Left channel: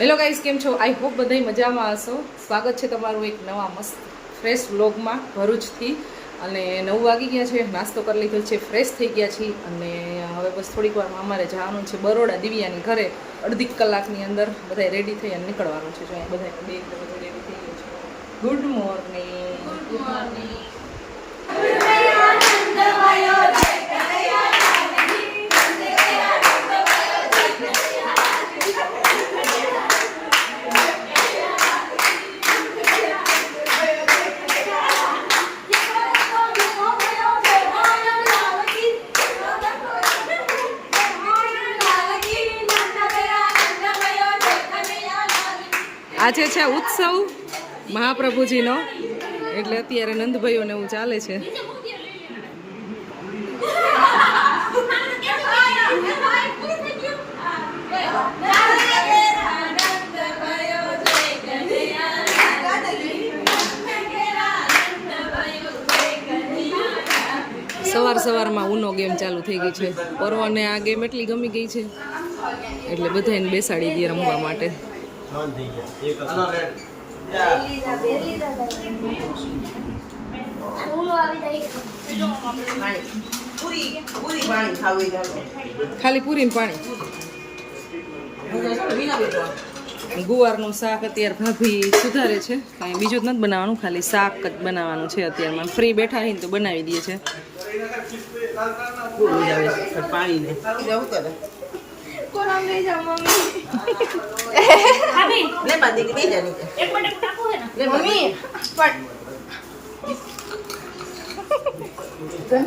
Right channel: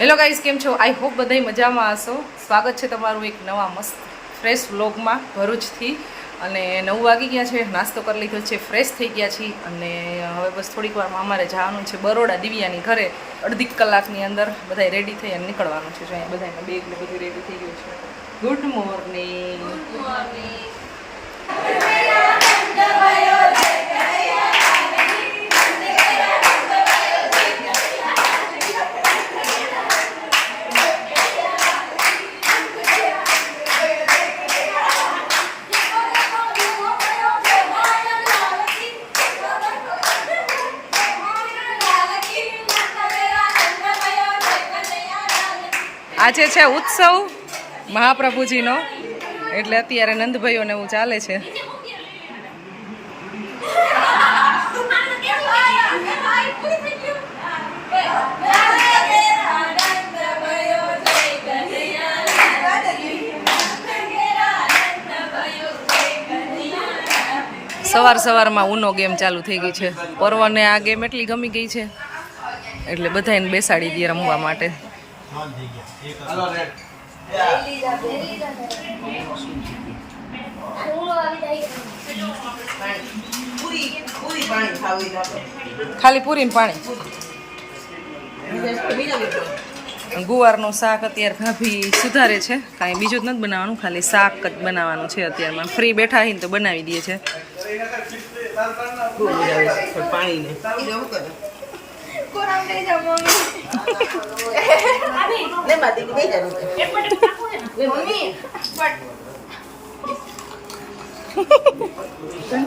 Hello guys, કેમ છો? I hope બધાય મજામાં હશો. સ્વાગત છે તમારું એક નવા મસ્ત ફ્રેશ વ્લોગમાં ભરૂચથી. અને 9 વાગી ગયા છે, નાસ્તો કરી લીધો છે, ફ્રેશ થઈ ગયા છીએ અને હવે બસ થોડીક વારમાં અમારે જવાનું છે બરોડા દિવ્યાની ઘરે. અડધી કલાકની અંદર બધાય રેડી થઈ અને નીકળવાનું છે. જો અહીંયા બધાને બેગ ને બધું રેડી થઈ ગયું છે. Good morning. Good morning. આજે છે ઉત્સવ મહાપ્રભુજીનો, એટલે અત્યારે નંદભાઈઓને એવું ચાલે છે. સવારમાં ઉનો ગેમ ચાલુ થઈ ગઈ છે. પર્વને આ ગેમ એટલી ગમી ગઈ છે એટલે બધાને બેસાડી દઈએ રમવા માટે. ખાલી પૂરી ને પાણી. ગુવારનું શાક અત્યારે ભાભી સુધારે છે. કાંઈ બીજું જ નથી બનાવવાનું, ખાલી શાક જ બનાવવાનું છે. અત્યારમાં ફ્રી બેઠા હઈને તો બનાવી દઈએ છે.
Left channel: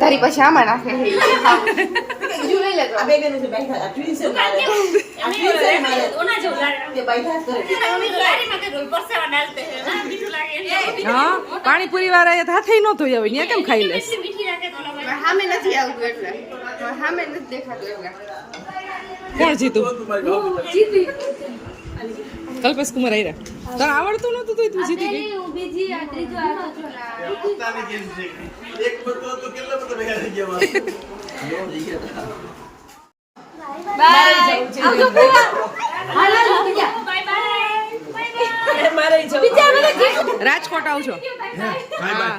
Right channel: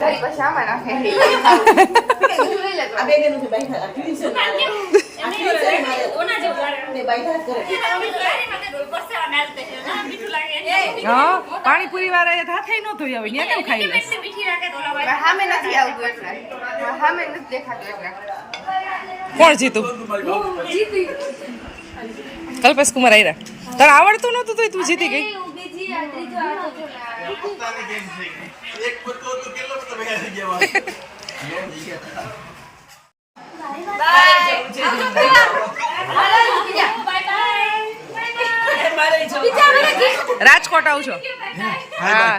તારી પછી આમાં નાખે હા, પાણીપુરી વાળા હાથે ન ધોઈ આવે ત્યાં કેમ ખાઈ લેશ? સામે નથી આવતું એટલે સામે નથી દેખાતું એટલે. કોણ જીતું? કલ્પેશ કુમાર આયરા. તને આવડતું નતું તો તું જીતી ગઈ. રાજકોટ આવજો. હા,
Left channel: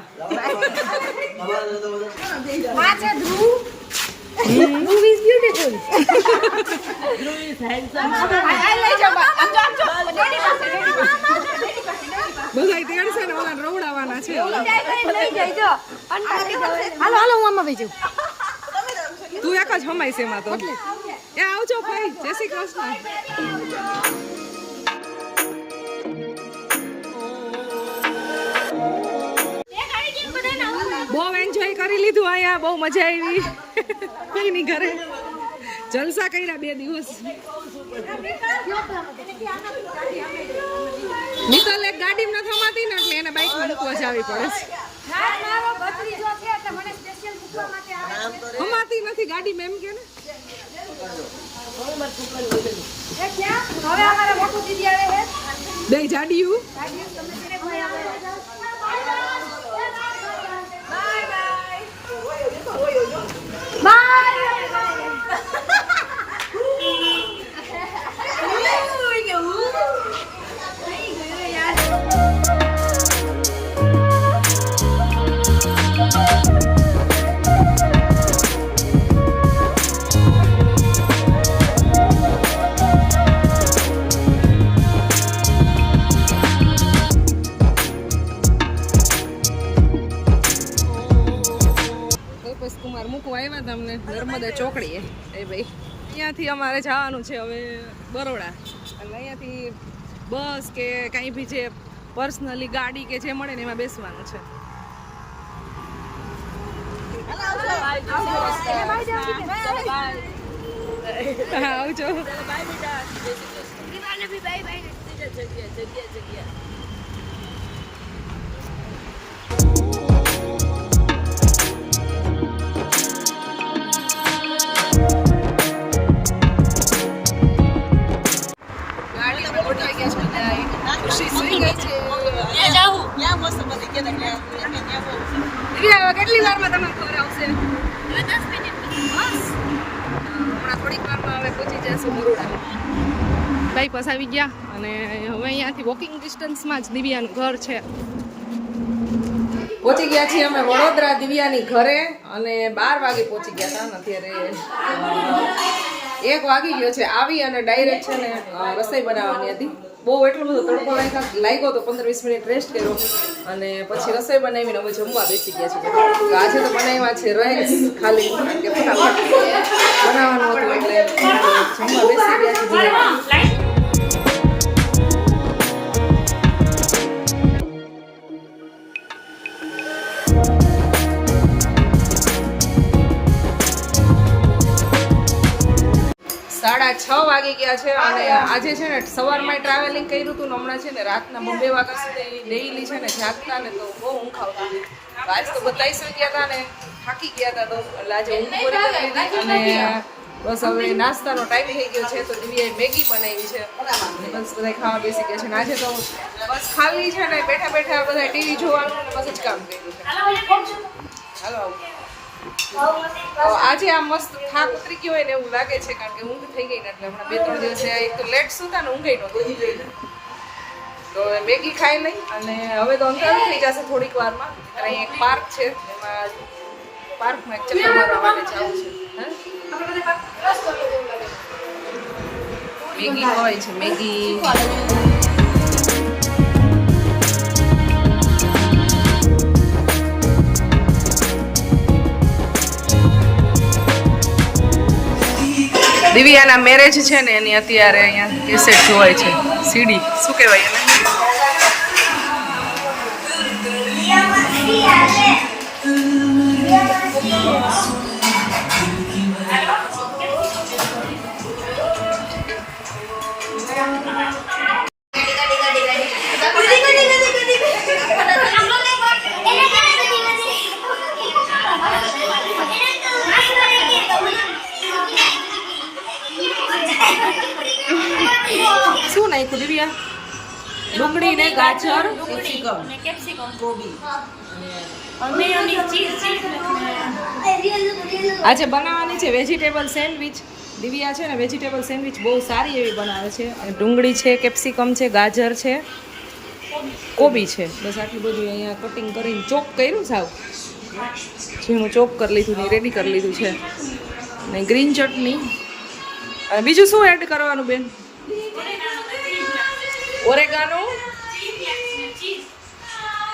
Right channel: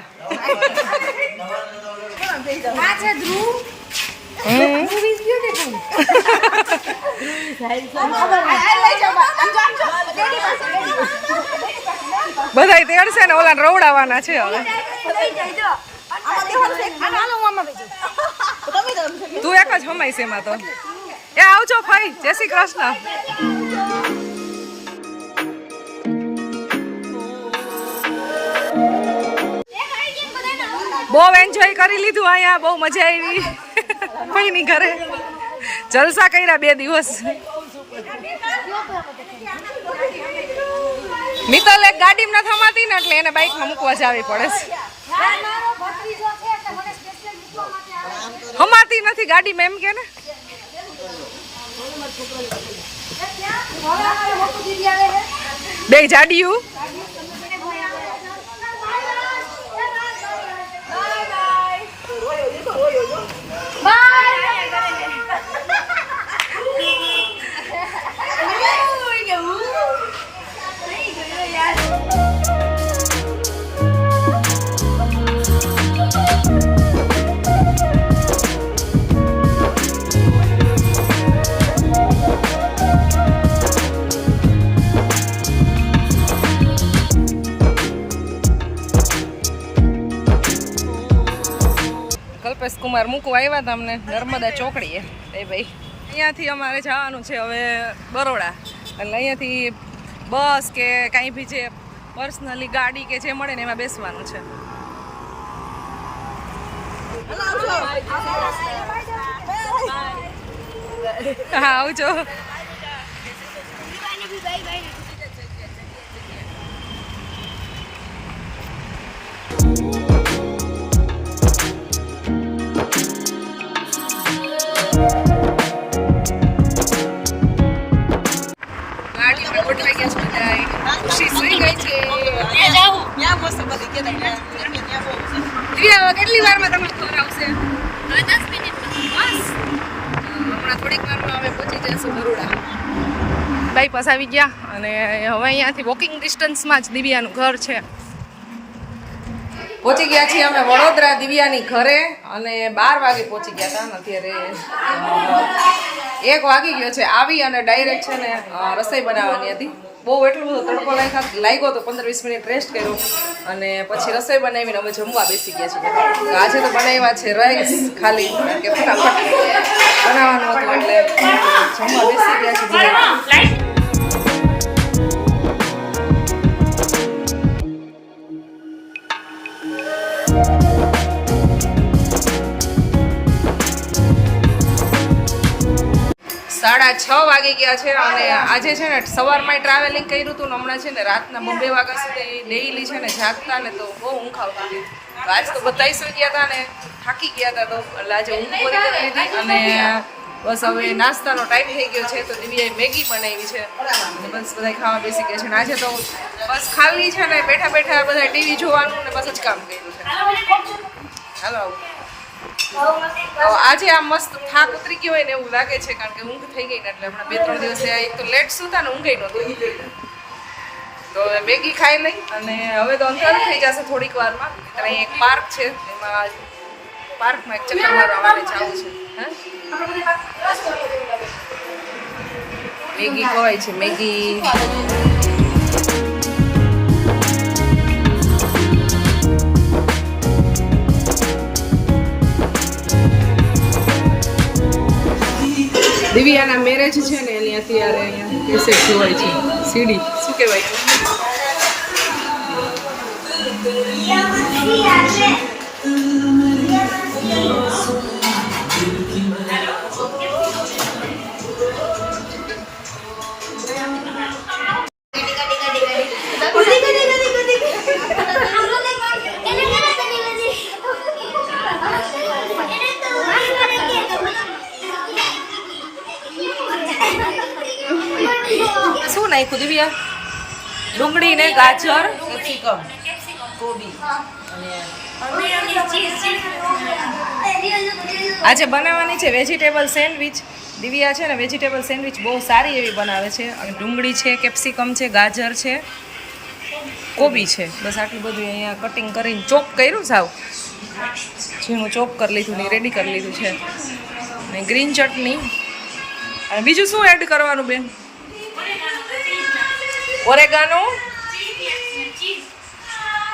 બધા તેડશે ને ઓલા રવડાવાના છે હવે. તું એક જ હમાઈશ એમાં તો. એ આવજો ભાઈ, જય શ્રી કૃષ્ણ. બહુ એન્જોય કરી લીધું અહીંયા, બહુ મજા આવી. કોઈની ઘરે જલસા કર્યા 2 દિવસ. મિત્તલ એક ગાડીમાં ન થમાતી ને એટલે એને બાઇકમાં મૂકવા જાવી પડે છે. હમાતી નથી ગાડીમાં એમ કે ને. બે જાડિયું કલ્પેશ કુમાર મૂકવા આવ્યા હતા અમને નર્મદા ચોકડીએ. એ ભાઈ, અહીંયાથી અમારે જવાનું છે હવે બરોડા. એટલે અહીંયાથી બસ કે કાંઈ બી જે પર્સનલી ગાડી કે જે મળે ને એમાં બેસવાનું છે. હા, આવજો. કેટલી વારમાં તમે ખબર આવશે? 10 મિનિટ. હમણાં થોડીક વારમાં અમે પહોંચી જઈશું બરોડા. બાયપાસ આવી ગયા અને હવે અહીંયાથી વોકિંગ ડિસ્ટન્સમાં જ દિવ્યાનું ઘર છે. પહોંચી ગયા છીએ અમે વડોદરા દિવ્યાની ઘરે અને 12 વાગે પહોંચી ગયા હતા. અત્યારે 1 વાગી ગયો છે. આવી અને ડાયરેક્ટ છે ને રસોઈ બનાવવાની હતી. બહુ એટલો બધો તડકો લાગ્યો તો 15-20 મિનિટ રેસ્ટ કર્યો અને પછી રસોઈ બનાવીને અમે જમવા બેસી ગયા છીએ. તો આજે તો બનાવ્યા છે રાઈસ ખાલી, કારણ કે ફટાફટ બનાવવાનું હતું એટલે જમવા બેસી ગયા છે બધા. 6:30 વાગી ગયા છે અને આજે છે ને સવારમાં ટ્રાવેલિંગ કર્યું હતું ને હમણાં છે ને રાતના 2 વાગ્યા સુધી ડેઈલી છે ને જાગતા ને તો બહુ ઊંઘ આવતી હતી. તો આજ તો બધા સુઈ ગયા હતા ને થાકી ગયા હતા, તો એટલે આજે ઊંઘ પૂરી કરી લીધી અને બસ હવે નાસ્તાનો ટાઈમ થઈ ગયો છે. તો દિવ્યાએ મેગી બનાવી છે અને બસ બધા ખાવા બેસી ગયા છે. અને આજે તો બસ ખાલી છે ને બેઠા બેઠા બધા ટીવી જોવાનું ને બસ જ કામ કર્યું છે. હાલો આજે આ મસ્ત થાક ઉતરી ગયો હોય ને એવું લાગે છે, કારણ કે ઊંઘ થઈ ગઈ ને એટલે હમણાં 2-3 દિવસ એક તો લેટ સુતા ને ઊંઘ નહોતી. તો મેગી ખાઈ લઈ અને હવે તો અંધારું થઈ જશે થોડીક વારમાં. ત્યાં એક પાર્ક છે, એમાં પાર્કમાં એક ચક્કર મારવા માટે જવું છે. મેગી ખવાય છે, મેગી. દિવ્યાના મેરેજ છે ને એની અત્યારે અહીંયા કેસેટ જોવાય છે. સીડી શું કહેવાય એને? શું નાખ્યું દિવ્યા? ડુંગળી ને ગાજર, કેપ્સિકમ, કોબી આજે બનાવવાની છે વેજીટેબલ સેન્ડવિચ. દિવ્યા છે ને વેજીટેબલ સેન્ડવિચ બહુ સારી એવી બનાવે છે. અને ડુંગળી છે, કેપ્સિકમ છે, ગાજર છે, કોબી છે. બસ આટલું બધું અહીંયા કટિંગ કરીને ચોપ કર્યું, સાવ ઝીણું ચોપ કરી લીધું ને રેડી કરી લીધું છે. અને ગ્રીન ચટણી અને બીજું શું એડ કરવાનું બેન? ઓરેગાનો,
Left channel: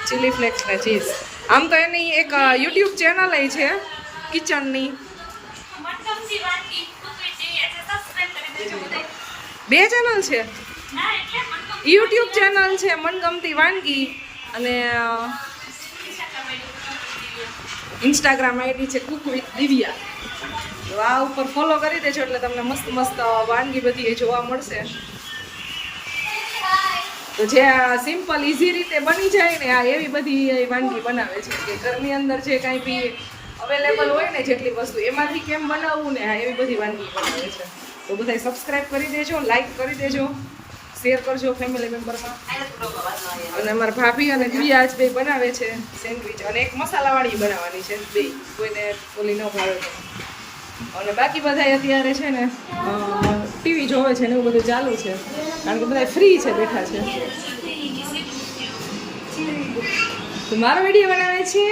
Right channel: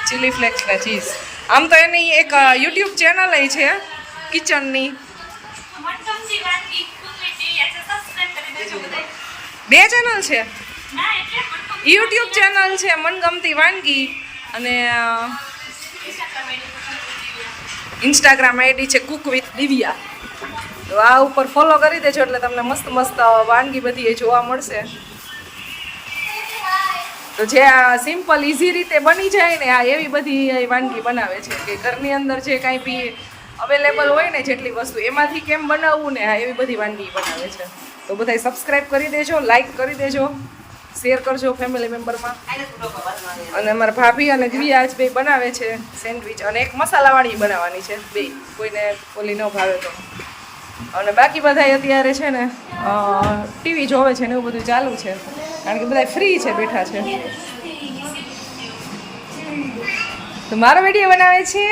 ચીલી ફ્લેક્સ ને ચીઝ. આમ તો એની એક યુટ્યુબ ચેનલ છે કિચનની. 2 ચેનલ છે, યુટ્યુબ ચેનલ છે મનગમતી વાનગી અને ઇન્સ્ટાગ્રામ આઈડી છે કુક વિથ દિવ્યા. તો આ ઉપર ફોલો કરી દેજો એટલે તમને મસ્ત મસ્ત વાનગી બધી જોવા મળશે. તો જે આ સિમ્પલ ઇઝી રીતે બની જાય ને આ એવી બધી વાનગી બનાવે છે કે ઘરની અંદર જે કાંઈ બી અવેલેબલ હોય ને જેટલી વસ્તુ એમાંથી કેમ બનાવવું ને આ એવી બધી વાનગી બનાવે છે. તો બધાય સબસ્ક્રાઈબ કરી દેજો, લાઈક કરી દેજો, શેર કરજો ફેમિલી મેમ્બરમાં. અને અમારા ભાભી અને દિવ્યા આજ 2 બનાવે છે સેન્ડવિચ અને એક મસાલાવાળી બનાવવાની છે 2, કોઈને ઓલી ન ભાવે તો. અને બાકી બધા અત્યારે છે ને ટીવી જોવે છે ને એવું બધું ચાલુ છે, કારણ કે બધા ફ્રી છે, બેઠા છે. તો મારો વિડીયો બનાવે છે.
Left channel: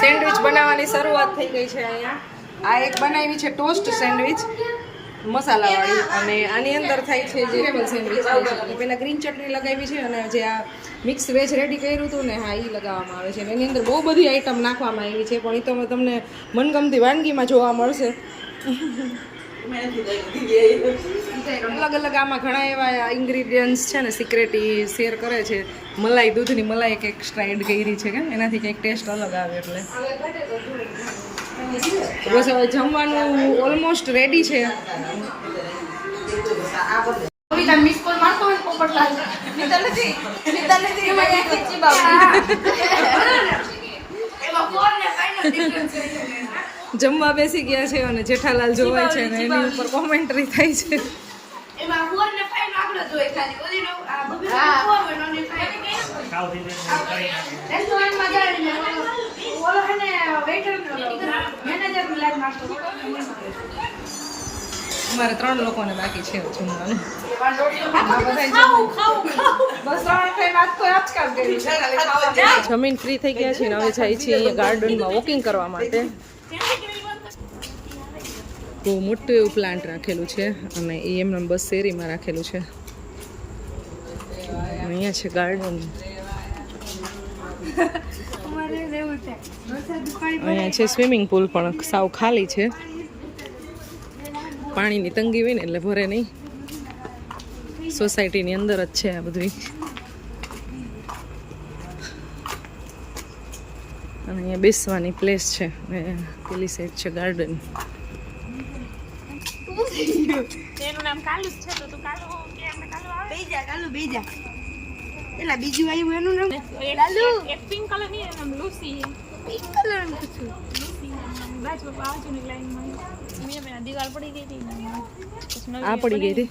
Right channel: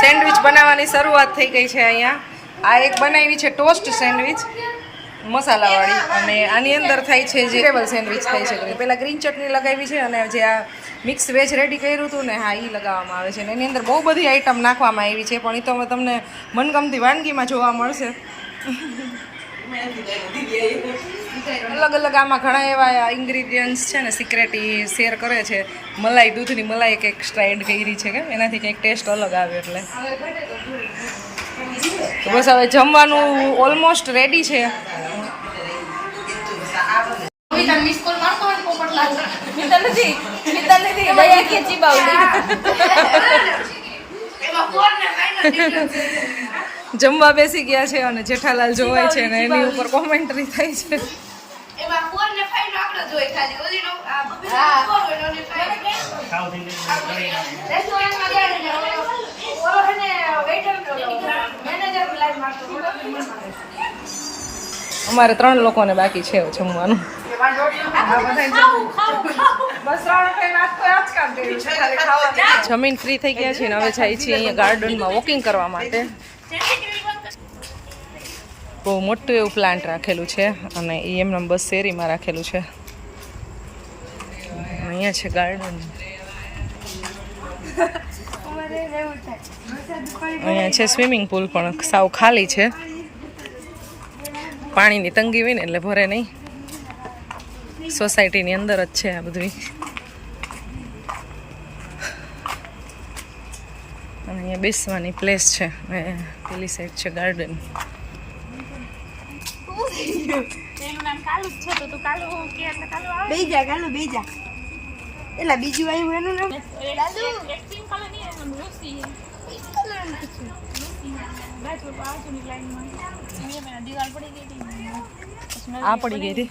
સેન્ડવિચ બનાવવાની શરૂઆત થઈ ગઈ છે અહીંયા. આ એક બનાવી છે ટોસ્ટ સેન્ડવિચ મસાલાવાળી અને આની અંદર થાય છે જે વેજીટેબલ સેન્ડવિચ થાય છે. પહેલાં ગ્રીન ચટણી લગાવી છે અને જે આ મિક્સ વેજ રેડી કર્યું હતું ને હા એ લગાવવામાં આવે છે. અને એની અંદર બહુ બધી આઈટમ નાખવામાં આવી છે, પણ એ તો તમને મનગમતી વાનગીમાં જોવા મળશે. અલગ અલગ આમાં ઘણા એવા ઇન્ગ્રીડિયન્ટ્સ છે ને સિક્રેટ શેર કરે છે. મલાઈ, દૂધની મલાઈ એક એક્સ્ટ્રા એડ કરી છે કે એનાથી કંઈક ટેસ્ટ અલગ આવે. એટલે બસ હવે જમવાનું ઓલમોસ્ટ રેડી છે. જમવા બેસી ગયા છે અને જેઠાલાલ જોવાય છે ને એની ઉપર કોમેન્ટ્રી થાય છે. એમાં 4 ને 5 નો આંકડો જોઈ ખાલી ઓલીનો આ બબીનો 4 હોય નો 5 રેસ્ટોરન્ટમાં જાય ને ઓલો હે ને વેઇટર મેનેજર લાઈન નાખતો અમારે 3 લોકોને બાકી છે જમવાનું આ બધા બસ 3 કઈ નાસ્તો આજ કામ કર્યું છે ખાલી ખાવાનું જમીન ફ્રી થઈ ગયા છે ને હવે જાય છે અહીંયા ગાર્ડનમાં વોકિંગ કરવા માટે બહુ મોટું એવું પ્લાન્ટ રાખેલું છે અને એ એમને બસ શેરીમાં રાખેલું છે અહીંયા છે ગાર્ડન અહીંયા છે સ્વિમિંગ પુલ પણ સાવ ખાલી છે પાણીની તંગી હોય ને એટલે ભરે નહીં સોસાયટીની અંદર જ છે આ બધું અને અહીંયા બેસવાની પ્લેસ છે અને પેલી સાઈડ છે ગાર્ડન તેનું નામ કાલુ છે તો તું કાલુ કે એટલે કાલુ આવે બેજા કાલુ બેજા એલા બીજું આવ્યું એનું નામ કાલુ એક પિંક કલર ની નામ લુસી પિંક કલર નું છે લુસી બાજુ બાજુની લાઈનમાં મેં દીવાલ પડી ગઈ હતી આ પડી ગઈ હતી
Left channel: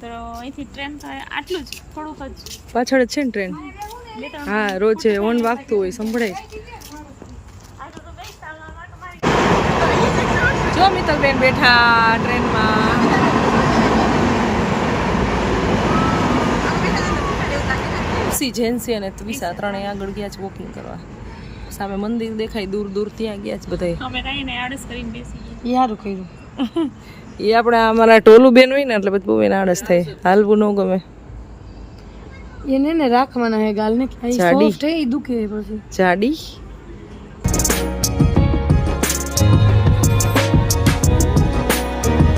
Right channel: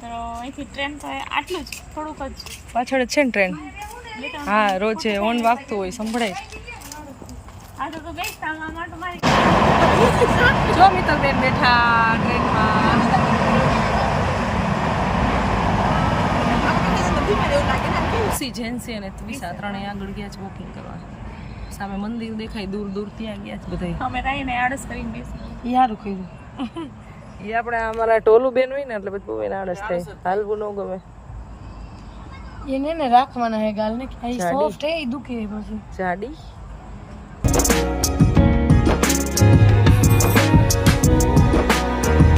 તો અહીંથી ટ્રેન તો આટલું જ થોડુંક જ પાછળ જ છે ને ટ્રેન હા રોજે ઓન વાગતું હોય સંભળાય આ તો તું ગઈ તામાં માટો મારી જો મિત્તલબેન બેઠા ટ્રેનમાં જેન્સી અને ત્વિષા ત્રણેય આગળ ગયા છે વોકિંગ કરવા સામે મંદિર દેખાય દૂર દૂર ત્યાં ગયા છે બધા અમે રહીને આળસ કરીને બેસી યારું કીધું એ આપણે અમારા ટોલું બેન હોય ને એટલે બધું બહુ એને આળસ થાય હાલવું ન ગમે એને ને રાખવાના હે ગાલ ને જાડી. સોફ્ટ હે ઈ દુખે પછી જાડી